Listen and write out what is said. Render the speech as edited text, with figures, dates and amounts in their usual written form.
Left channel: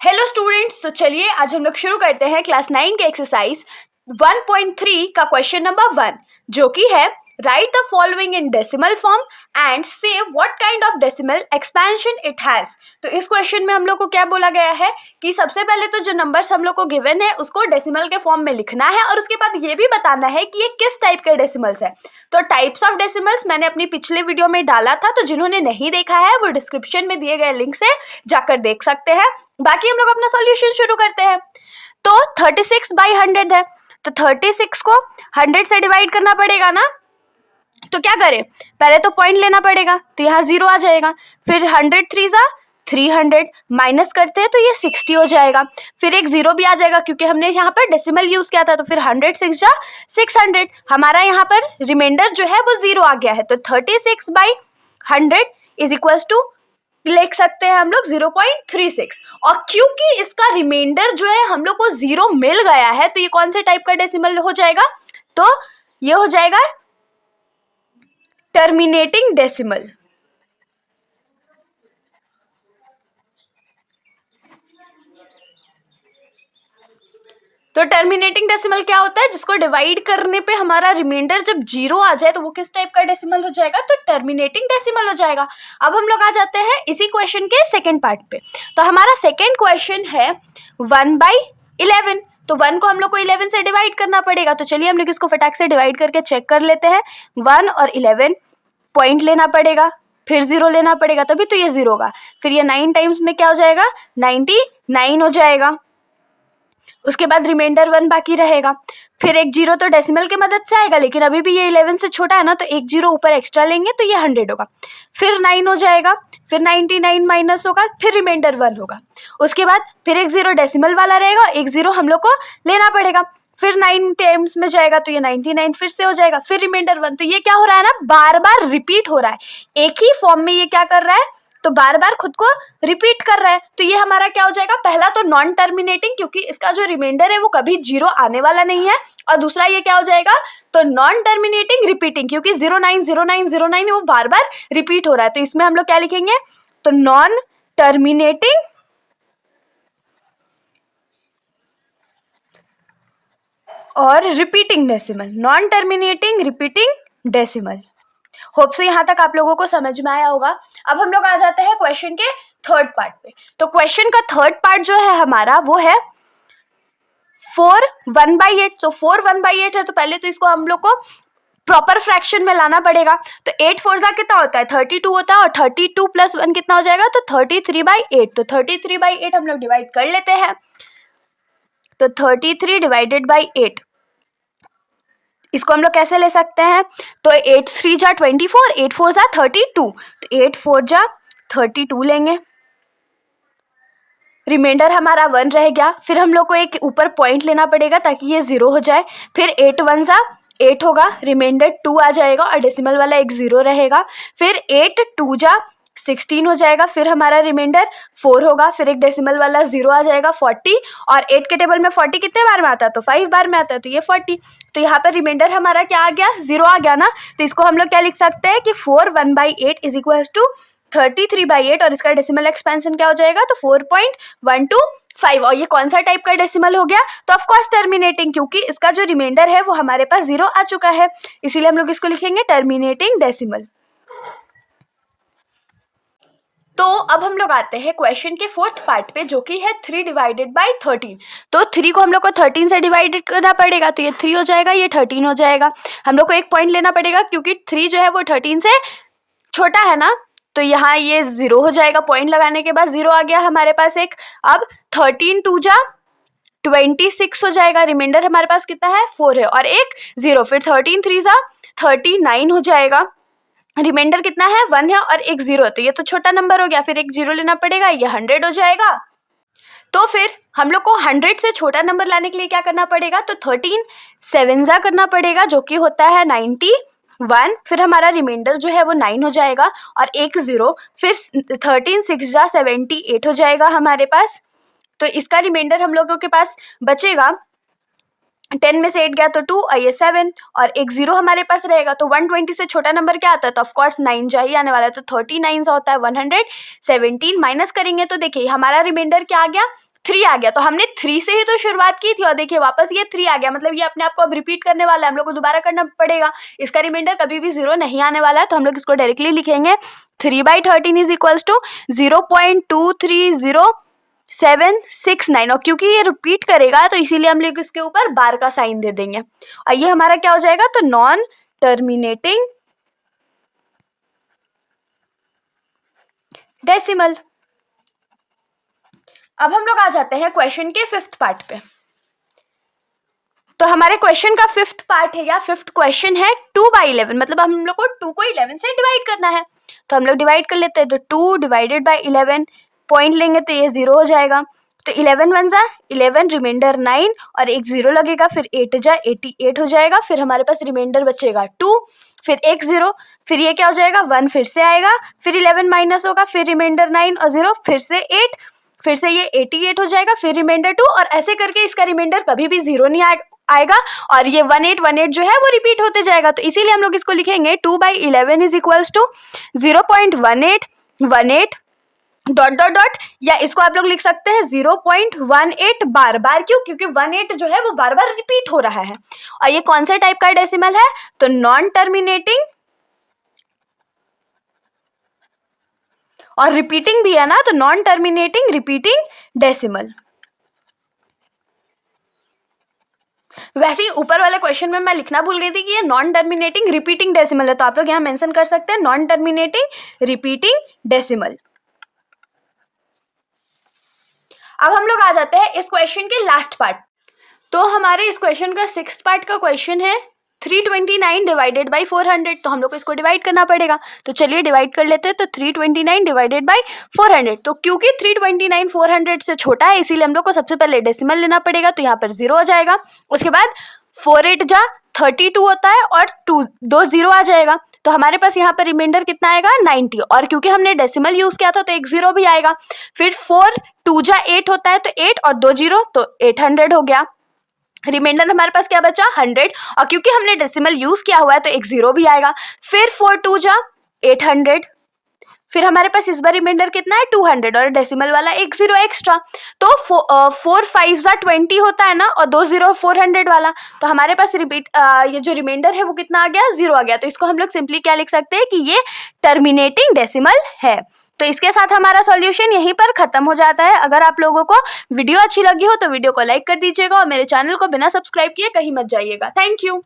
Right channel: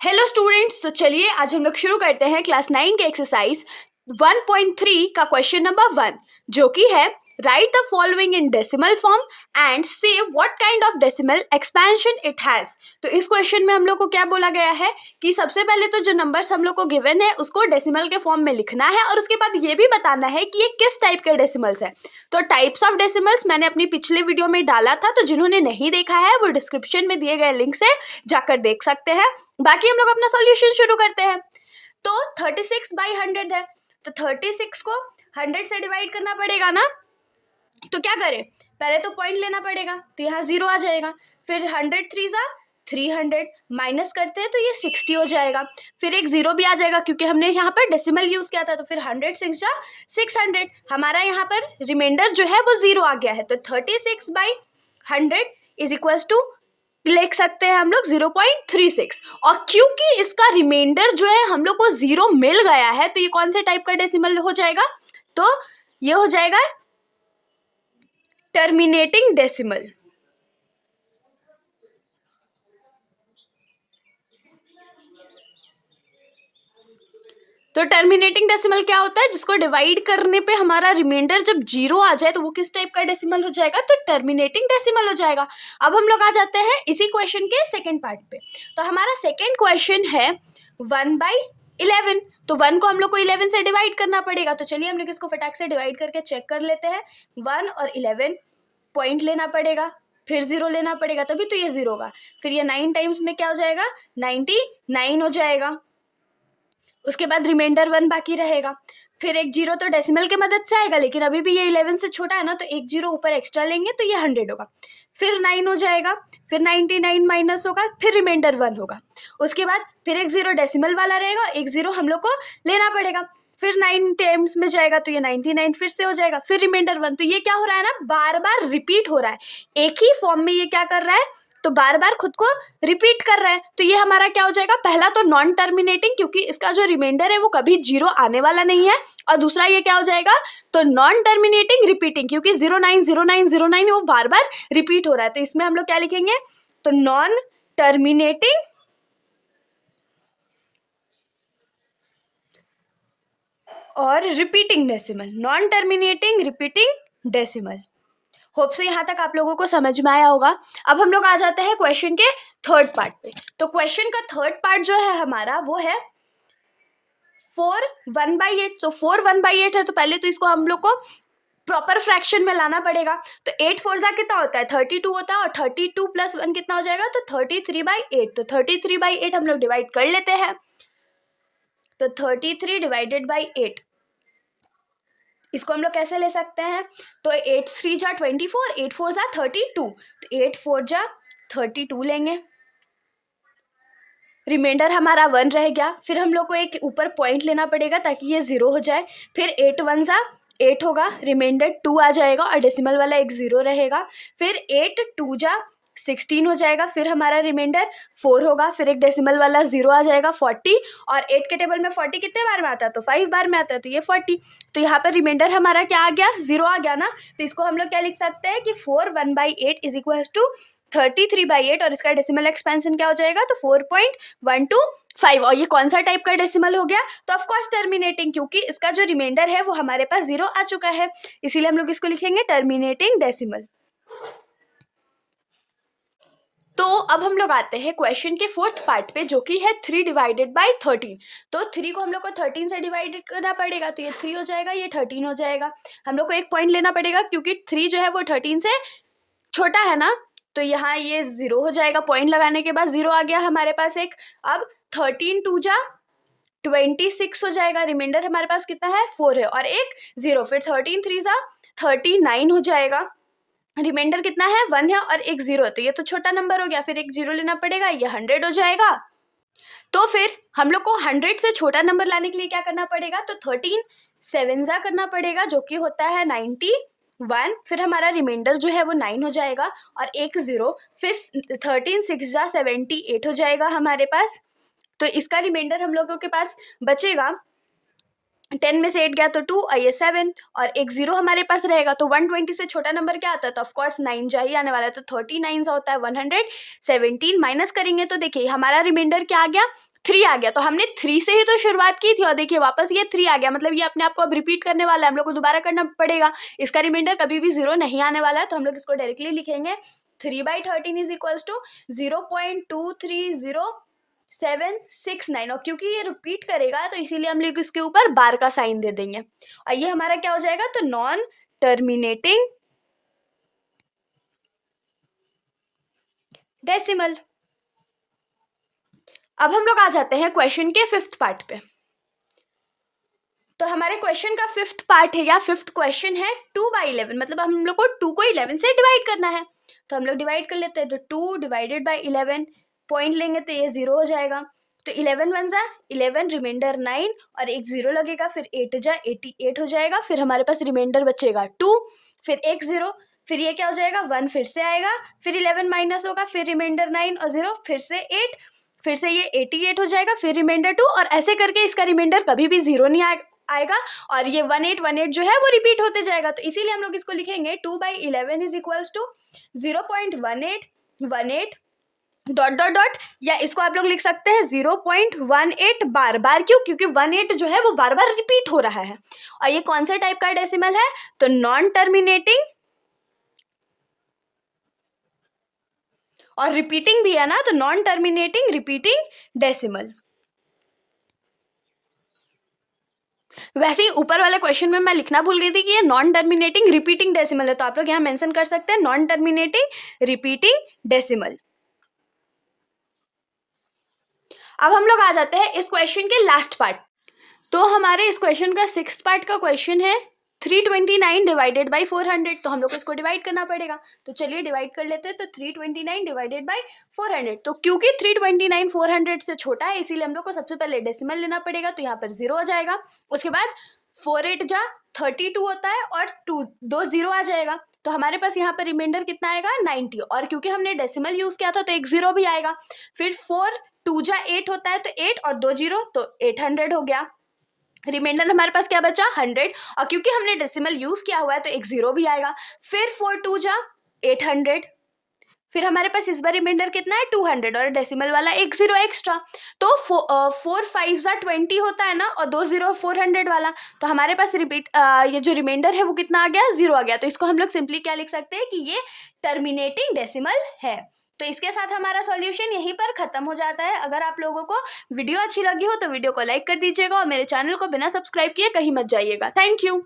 Hello students, तो चलिए आज हम लोग शुरू करते हैं क्लास 9 के एक्सरसाइज 1.3 का क्वेश्चन नंबर 1, जो कि है write the following in decimal form and say what kind of decimal expansion it has. तो इस क्वेश्चन में हम लोग को क्या बोला गया है कि सबसे पहले तो जो नंबर्स हम लोग को गिवन है उसको डेसिमल के फॉर्म में लिखना है और उसके बाद ये भी बताना है कि ये किस टाइप के डेसिमल्स है। तो टाइप्स ऑफ डेसिमल्स मैंने अपनी पिछले वीडियो में डाला था, तो जिन्होंने नहीं देखा है वो डिस्क्रिप्शन में दिए गए लिंक से जाकर देख सकते हैं। बाकी हम लोग अपना सॉल्यूशन शुरू करते हैं। तो 36/100 है, तो 36 को 100 से डिवाइड करना पड़ेगा ना। तो क्या करें, पहले तो पॉइंट लेना पड़ेगा, तो यहाँ 0 आ जाएगा। फिर 100 3 300 माइनस करते हैं तो ये 60 हो जाएगा। फिर एक 0 भी आ जाएगा क्योंकि हमने यहाँ पर डेसिमल यूज किया था। तो फिर 100 6 600, हमारा यहाँ पर रिमाइंडर जो है वो 0 आ गया है। तो 36/100 इज इक्वल टू लिख सकते हैं हम लोग 0.36। और क्योंकि इसका रिमाइंडर जो है हम लोग को 0 मिल गया है, तो ये कौन से टाइप का डेसिमल हो जाएगा, तो ये हो जाएगा टर्मिनेटिंग डेसिमल। तो टर्मिनेटिंग डेसिमल क्या होता है, जिसको डिवाइड करने पे हमारा रिमाइंडर जब 0 आ जाए तो वो किस टाइप का डेसिमल हो जाएगा, तो टर्मिनेटिंग डेसिमल हो जाएगा। अब हम लोग आ जाते हैं इसी क्वेश्चन के सेकंड पार्ट पे। तो हमारा सेकंड क्वेश्चन है 1/11। तो 1 को हम लोग को 11 से डिवाइड करना पड़ेगा। तो चलिए हम लोग इसको फटाक से डिवाइड करके चेक कर लेते हैं। 1 और 11 पॉइंट लेना पड़ेगा, फिर 0 लेना पड़ेगा, तभी तो ये 0 होगा। फिर ये 9 टाइम्स में क्या हो जाएगा, 99 हो जाएगा। उसके बाद रिमाइंडर 1 बाकी रहेगा। फिर एक 0 तो डेसिमल के मदद से आएगा, लेकिन अभी भी ये 11 से छोटा है ना, तो एक 0 ऊपर एक्स्ट्रा लेंगे तो ये 100 होगा। फिर 9 हो जाएगा, फिर 99 माइनस होगा, फिर रिमाइंडर 1 होगा। उसके बाद फिर एक 0 डेसिमल वाला रहेगा, एक 0 हम लोग को लेना पड़ेगा। फिर 9 टाइम्स में जाएगा तो ये 99 फिर से हो जाएगा, फिर रिमाइंडर 1। तो ये क्या हो रहा है ना, बार बार रिपीट हो रहा है। एक ही फॉर्म में ये क्या कर रहा है, तो बार बार खुद को रिपीट कर रहा है। तो ये हमारा क्या हो जाएगा, पहला तो नॉन टर्मिनेटिंग, क्योंकि इसका जो रिमाइंडर है वो कभी 0 आने वाला नहीं है। और दूसरा ये क्या हो जाएगा, तो नॉन टर्मिनेटिंग रिपीटिंग, क्योंकि 090909 वो बार बार रिपीट हो रहा है। तो इसमें हम लोग क्या लिखेंगे, तो नॉन टर्मिनेटिंग और repeating decimal, non terminating repeating decimal. Hope से यहाँ तक आप लोगों को समझ में आया होगा। अब हम लोग आ जाते हैं क्वेश्चन के थर्ड पार्ट पे। तो क्वेश्चन का थर्ड पार्ट जो है हमारा वो है 4 1/8। तो 4 1/8 है, तो पहले तो इसको हम लोग को प्रॉपर फ्रैक्शन में लाना पड़ेगा। तो 8 4 कितना होता है, 32 होता है, और 32 + 1 कितना हो जाएगा, तो 33/8। तो 33/8 हम लोग डिवाइड कर लेते हैं। तो 33 डिवाइडेड बाई 8, इसको हम लोग कैसे ले सकते हैं, तो 8 3 जा 24, 8 4 जा 32, तो 8 4 जा 32 लेंगे। रिमाइंडर हमारा 1 रह गया। फिर हम लोग को एक ऊपर पॉइंट लेना पड़ेगा ताकि ये 0 हो जाए। फिर 8 1 जा 8 होगा, रिमाइंडर 2 आ जाएगा और डेसिमल वाला एक 0 रहेगा। फिर 8 2 जा 16 हो जाएगा। फिर हमारा रिमाइंडर 4 होगा, फिर एक डेसिमल वाला 0 आ जाएगा 40। और 8 के टेबल में 40 कितने बार में आता है, तो 5 बार में आता है, तो ये 40। तो यहाँ पर रिमाइंडर हमारा क्या आ गया, 0 आ गया ना। तो इसको हम लोग क्या लिख सकते हैं कि 4 1/8 इज इक्वल टू 33/8, और इसका डेसिमल एक्सपेंशन क्या हो जाएगा, तो 4.125। और ये कौन सा टाइप का डेसिमल हो गया, तो ऑफकोर्स टर्मिनेटिंग, क्योंकि इसका जो रिमाइंडर है वो हमारे पास 0 आ चुका है, इसीलिए हम लोग इसको लिखेंगे टर्मिनेटिंग डेसिमल। तो अब हम लोग आते हैं क्वेश्चन के फोर्थ पार्ट पे, जो कि है 3 डिवाइडेड बाई 13। तो 3 को हम लोग को 13 से डिवाइडेड करना पड़ेगा, तो ये 3 हो जाएगा, ये 13 हो जाएगा। हम लोग को एक पॉइंट लेना पड़ेगा क्योंकि 3 जो है वो 13 से छोटा है ना, तो यहाँ ये 0 हो जाएगा। पॉइंट लगाने के बाद 0 आ गया हमारे पास एक। अब 13 2 जा 26 हो जाएगा, रिमाइंडर हमारे पास कितना है, 4 है, और एक 0। फिर 13 3 जा 39 हो जाएगा, रिमाइंडर कितना है, 1 है, और एक 0 है, तो ये तो छोटा नंबर हो गया। फिर एक 0 लेना पड़ेगा, ये 100 हो जाएगा। तो फिर हम लोग को 100 से छोटा नंबर लाने के लिए क्या करना पड़ेगा, तो 13 7 जा करना पड़ेगा, जो कि होता है 91। फिर हमारा रिमाइंडर जो है वो 9 हो जाएगा, और एक 0। फिर 13 6 जा 78 हो जाएगा हमारे पास। तो इसका रिमाइंडर हम लोगों के पास बचेगा, 10 में से 8 गया तो 2, और ये 7, और एक 0 हमारे पास रहेगा। तो 120 से छोटा नंबर क्या आता है, तो ऑफकोर्स 9 जा ही आने वाला है। तो 39 होता है 117। माइनस करेंगे तो देखिए हमारा रिमाइंडर क्या आ गया, 3 आ गया। तो हमने 3 से ही तो शुरुआत की थी और देखिए वापस ये 3 आ गया, मतलब ये अपने आप को अब रिपीट करने वाला है, हम लोग को दोबारा करना पड़ेगा। इसका रिमाइंडर कभी भी 0 नहीं आने वाला है, तो हम लोग इसको डायरेक्टली लिखेंगे 3/13 इज इक्वल्स टू 0.23076 और क्योंकि ये रिपीट करेगा तो इसीलिए हम लोग इसके ऊपर बार का साइन दे देंगे और ये हमारा क्या हो जाएगा, तो नॉन टर्मिनेटिंग डेसिमल। अब हम लोग आ जाते हैं क्वेश्चन के 5th पार्ट पे। तो हमारे क्वेश्चन का 5th पार्ट है या 5th क्वेश्चन है 2/11, मतलब हम लोग को 2 को 11 से डिवाइड करना है। तो हम लोग डिवाइड कर लेते हैं, तो 2 डिवाइडेड बाई 11 पॉइंट लेंगे तो ये 0 हो जाएगा। तो 11 1 जा 11, रिमाइंडर 9 और एक 0 लगेगा, फिर 8 जा 88 हो जाएगा। फिर हमारे पास रिमाइंडर बचेगा 2, फिर एक 0, फिर ये क्या हो जाएगा 1 फिर से आएगा, फिर 11 माइनस होगा, फिर रिमाइंडर 9 और 0, फिर से 8, फिर से ये 88 हो जाएगा, फिर रिमाइंडर 2 और ऐसे करके इसका रिमाइंडर कभी भी 0 नहीं आएगा और ये 1818 जो है वो रिपीट होते जाएगा। तो इसीलिए हम लोग इसको लिखेंगे 2/11 is equals to 0.1818 dot dot dot, या इसको आप लोग लिख सकते हैं 0.18 बार बार। क्यों? क्योंकि 18 जो है वो बार बार रिपीट हो रहा है। और ये कौन से टाइप का डेसिमल है, तो नॉन टर्मिनेटिंग और रिपीटिंग भी है ना, तो नॉन टर्मिनेटिंग रिपीटिंग डेसिमल। वैसे ही ऊपर वाले क्वेश्चन में मैं लिखना भूल गई थी कि ये नॉन टर्मिनेटिंग रिपीटिंग डेसिमल है, तो आप लोग यहाँ मेंशन कर सकते हैं नॉन टर्मिनेटिंग रिपीटिंग डेसिमल। अब हम लोग आ जाते हैं इस क्वेश्चन के लास्ट पार्ट। तो हमारे इस क्वेश्चन का 6th पार्ट का क्वेश्चन है 329 डिवाइडेड बाई 400। तो हम लोग को इसको डिवाइड करना पड़ेगा, तो चलिए डिवाइड कर लेते हैं। तो 329 डिवाइडेड बाई 400, तो क्योंकि 329 400 से छोटा है इसीलिए हम लोग को सबसे पहले डेसिमल लेना पड़ेगा, तो यहाँ पर 0 हो जाएगा। उसके बाद 4 8 जा 32 होता है और 2 0 आ जाएगा, तो हमारे पास यहाँ पर रिमाइंडर कितना आएगा 90 और क्योंकि हमने डेसिमल यूज किया था तो एक 0 भी आएगा। फिर 4 2 जा 8 होता है, तो 8 और 2 0 तो 800 हो गया। रिमाइंडर हमारे पास क्या बचा 100 और क्योंकि हमने डेसिमल यूज किया हुआ है तो एक 0 भी आएगा। फिर 4 2 जा 800, फिर हमारे पास इस बार रिमाइंडर कितना है 200 और डेसिमल वाला एक 0 एक्स्ट्रा, तो 4 5 जा 20 होता है ना और 2 0 400 वाला, तो हमारे पास ये जो रिमाइंडर है वो कितना आ गया 0 आ गया। तो इसको हम लोग सिंपली क्या लिख सकते हैं कि ये टर्मिनेटिंग डेसिमल है। तो इसके साथ हमारा सॉल्यूशन यहीं पर खत्म हो जाता है। अगर आप लोगों को वीडियो अच्छी लगी हो तो वीडियो को लाइक कर दीजिएगा और मेरे चैनल को बिना सब्सक्राइब किए कहीं मत जाइएगा। Thank you.